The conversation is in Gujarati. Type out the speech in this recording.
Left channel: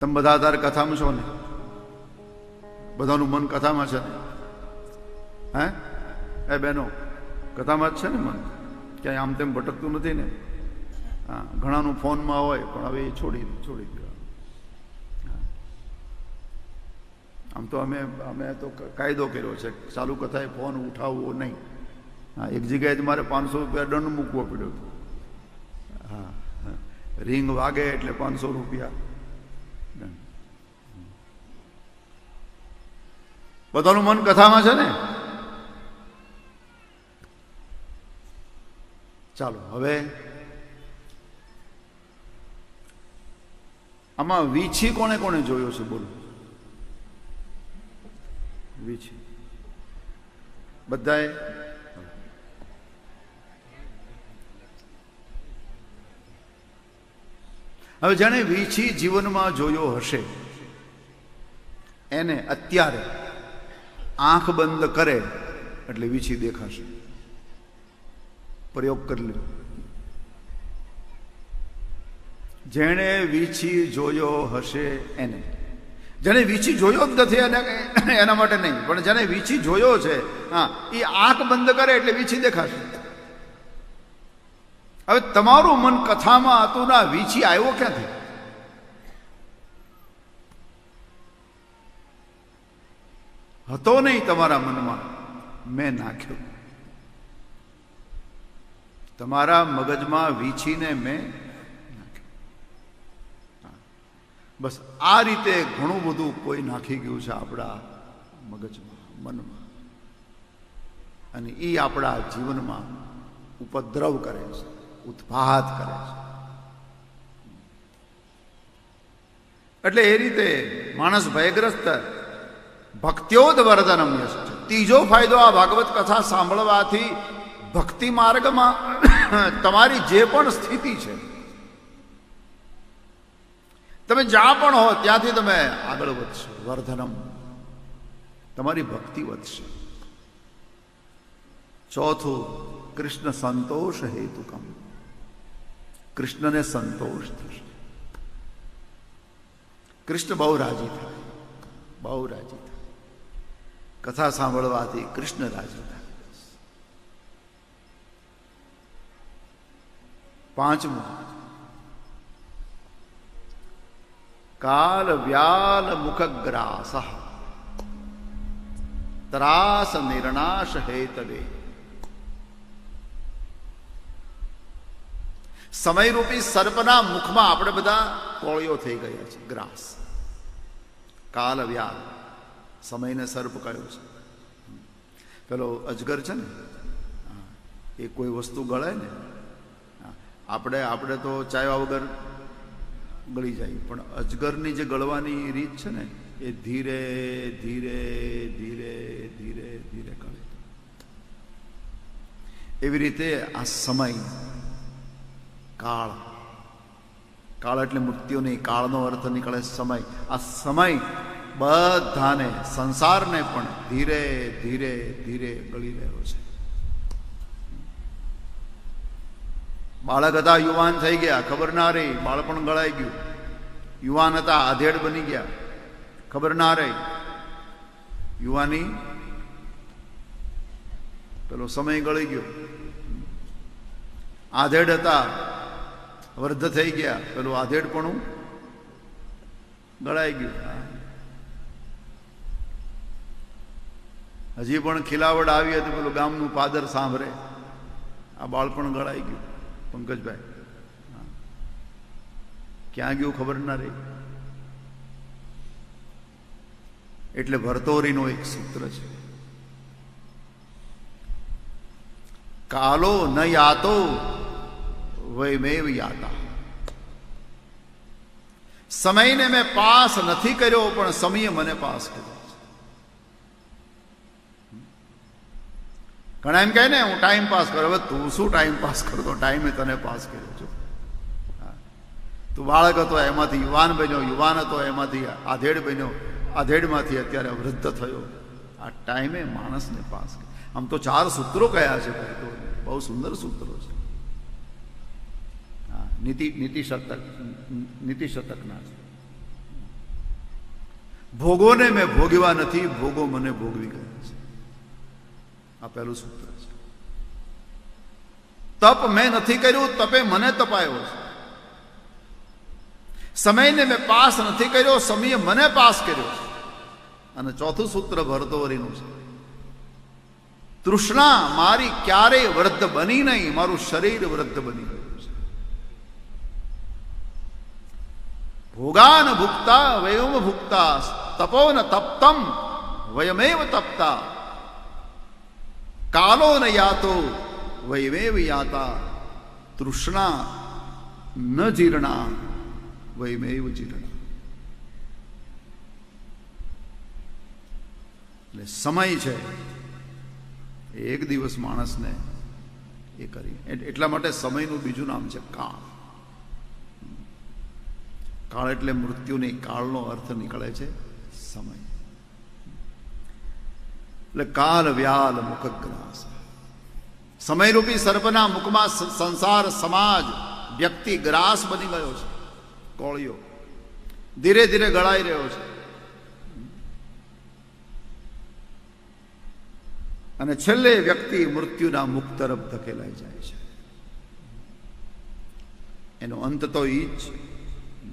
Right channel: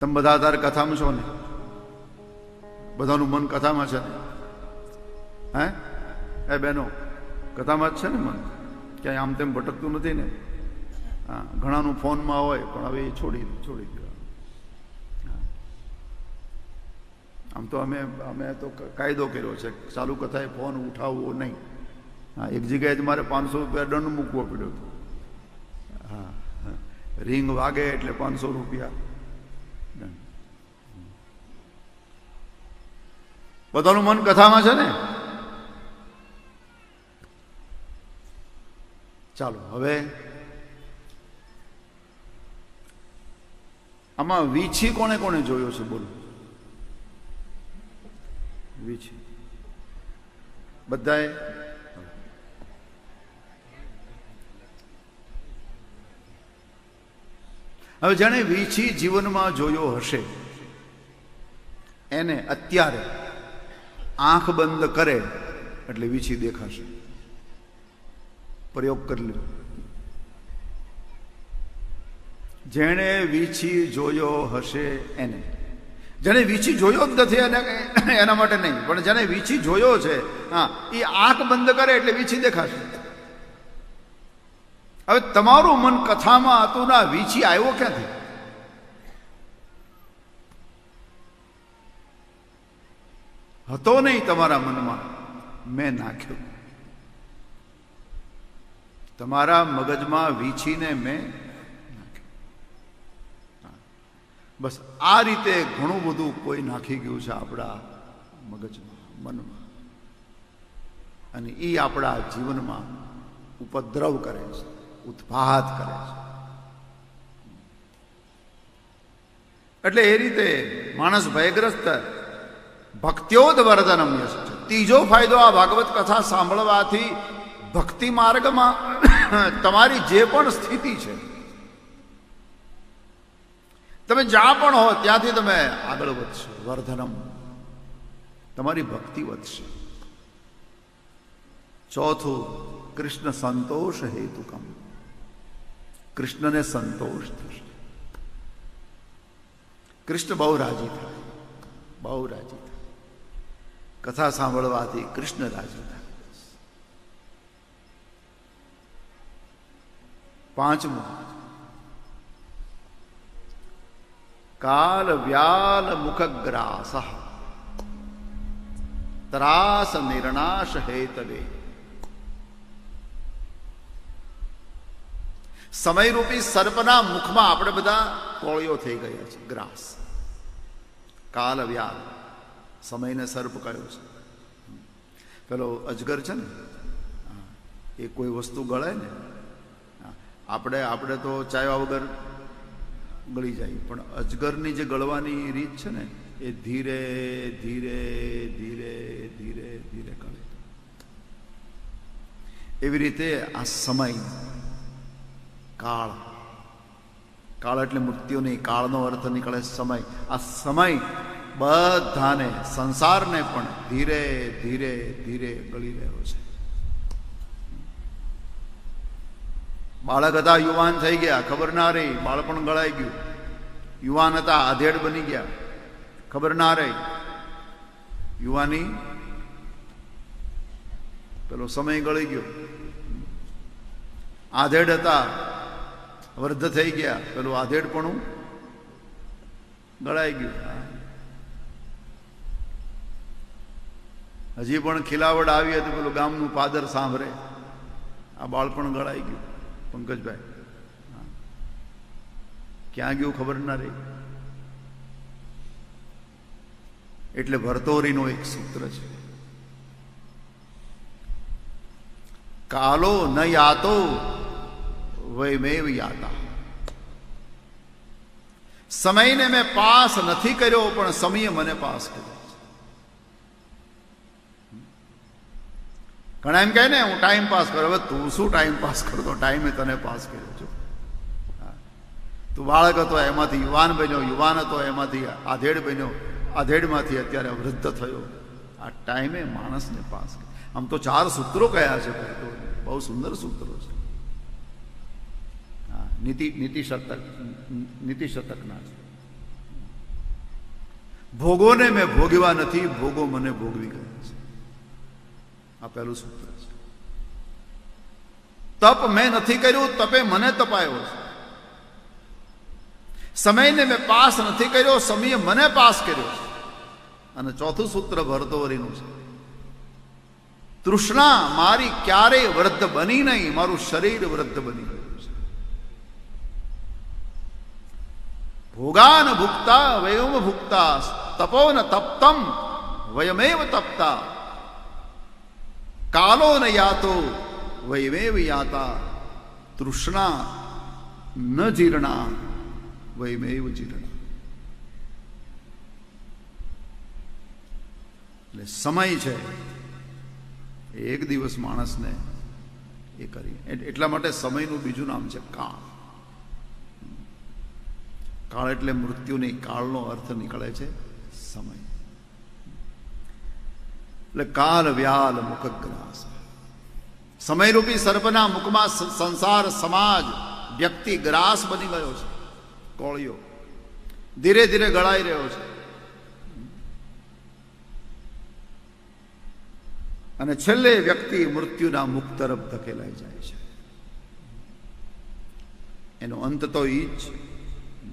તમે બધા તાર કથામાં છો ને? બધાનું મન કથામાં છે ને? હે? એ બહેનો, કથામાં જ છે ને મન? ક્યાંય આમ તેમ ભટકતું નથી ને? હા, ઘણાનું ફોનમાં હોય, પણ હવે એ છોડી છોડી દેવા આમ તો અમે અમે તો કાયદો કર્યો છે. ચાલુ કથાએ ફોન ઉઠાવવો નહીં. હા, એક જગ્યાએ જ મારે પાંચસો રૂપિયા દંડ મૂકવો પડ્યો હતો. હા. રિંગ વાગે એટલે પાંચસો રૂપિયા. બધાનું મન કથામાં છે ને? ચાલો, હવે આમાં વીછી કોને કોને જોયો છે? બોલો. વીછી. બધાએ હવે જેણે વીછી જીવનમાં જોયો હશે, એને અત્યારે આંખ બંધ કરે એટલે વીછી દેખાશે. પ્રયોગ કરી લીધો જેણે વીછી જોયો હશે એને. જેને વીછી જોયો જ નથી એને એના માટે નહીં, પણ જેને વીછી જોયો છે, હા એ આંખ બંધ કરે એટલે વીછી દેખાશે. હવે તમારું મન કથામાં હતું ના વીછી આવ્યો ક્યાંથી? હતો નહીં તમારા મનમાં. મેં નાખ્યો. તમારા મગજમાં વીછીને મેં બસ આ રીતે ઘણું બધું કોઈ નાખી ગયું છે આપણા મગજમાં, મનમાં. અને એ આપણા જીવનમાં ઉપદ્રવ કરે છે. ઉત્પાત કરે છે. એટલે એ રીતે માણસ ભયગ્રસ્ત ભક્ત્યોદ વર્ધનમ ત્રીજો ફાયદો આ ભાગવત કથા સાંભળવાથી ભક્તિ માર્ગમાં તમારી જે પણ સ્થિતિ છે, તમે જ્યાં પણ હો ત્યાંથી તમે આગળ વધશો, વર્ધનમ. તમારી ભક્તિ વધશે. ચોથું, કૃષ્ણ સંતોષ હેતુકમ. કૃષ્ણને સંતોષ થશે કૃષ્ણ બહુ રાજી થાય બહુ રાજી થાય કથા સાંભળવાથી કૃષ્ણ રાજી થાય પાંચમું કાલ વ્યાલ મુખગ્રાસ ત્રાસ નિર્ણાશ હેતવે સમયરૂપી સર્પના મુખમાં આપણે બધા કોળીઓ થઈ ગયા છે, ગ્રાસ. કાલ વ્યાલ. સમયને સર્પ કયો છે. પેલો અજગર છે ને, એ કોઈ વસ્તુ ગળે ને, આપણે આપણે તો ચાવ્યા વગર ગળી જાય. પણ અજગરની જે ગળવાની રીત છે ને, એ ધીરે ધીરે ધીરે ધીરે ધીરે ગળે. એવી રીતે આ સમય કાળ. કાળ એટલે મૃત્યુ નહીં કાળનો અર્થ નીકળે સમય. આ સમય બધાને, સંસારને પણ ધીરે ધીરે ધીરે ગળી રહ્યો છે. બાળક હતા, યુવાન થઈ ગયા, ખબર ના રહી, બાળપણ ગળાઈ ગયું. યુવાન હતા, આધેડ બની ગયા, ખબર ના રહી. યુવાની, પેલો સમય ગળી ગયો. આધેડ હતા વૃદ્ધ થઈ ગયા. પેલું આધેડપણું ગળાઈ ગયું. હજી પણ ખીલાવડ આવી હતી, પેલું ગામનું પાદર સાંભળે. આ બાળપણ ગળાઈ ગયું, પંકજભાઈ. ક્યાં ગયું ખબર ના રહી. એટલે ભરતોરીનો એક સૂત્ર છે. કાલો ન યાતો, વૈમેવ યાતા. સમયને મેં પાસ નથી કર્યો, પણ સમયે મને પાસ કર્યો. ઘણા એમ કહે ને, હું ટાઈમ પાસ કરું, હવે તું શું ટાઈમ પાસ કરતો ટાઈમે તને પાસ કર્યો છો તું બાળક હતો, એમાંથી યુવાન બન્યો, યુવાન હતો, એમાંથી આધેડ બન્યો, આધેડમાંથી અત્યારે વૃદ્ધ થયો આ ટાઈમે માણસને પાસ. આમ તો ચાર સૂત્રો કયા છે ભરતોરીએ. બહુ સુંદર સૂત્રો છે નીતિ નીતિશતક નીતિશતકના છે. ભોગોને મેં ભોગવા નથી, ભોગો મને ભોગવી ગયા છે. આ પહેલું સૂત્ર છે. તપ મેં નથી કર્યું, તપે મને તપાયો છે. સમયને મેં પાસ નથી કર્યો, સમયે મને પાસ કર્યો છે. અને ચોથું સૂત્ર ભરતોવરીનું છે. તૃષ્ણા મારી ક્યારેય વૃદ્ધ બની નહીં, મારું શરીર વૃદ્ધ બની ગયું છે ભોગાન ભુક્તા વયમ ભુક્તા તપો ન તપ્તમ વયમેવ તપ્તા કાલો ન યાતો વયમેવ યાતા તૃષ્ણા ન જીર્ણા વયમેવ જીર્ણા એટલે સમય છે, એક દિવસ માણસને એ કરી. એટલા માટે સમયનું બીજું નામ છે કાળ. કાળ એટલે મૃત્યુની કાળનો અર્થ નીકળે છે સમય. એટલે કાલ, વ્યાલ, મુખગ્રાસ. સમયરૂપી સર્પના મુખમાં સંસાર, સમાજ, વ્યક્તિ, ગ્રાસ બની ગયો છે. કોળિયો. ધીરે ધીરે ગળાઈ રહ્યો છે. અને છેલ્લે વ્યક્તિ મૃત્યુના મુખ તરફ ધકેલાઈ જાય છે. એનો અંત તો ઈ જ છે.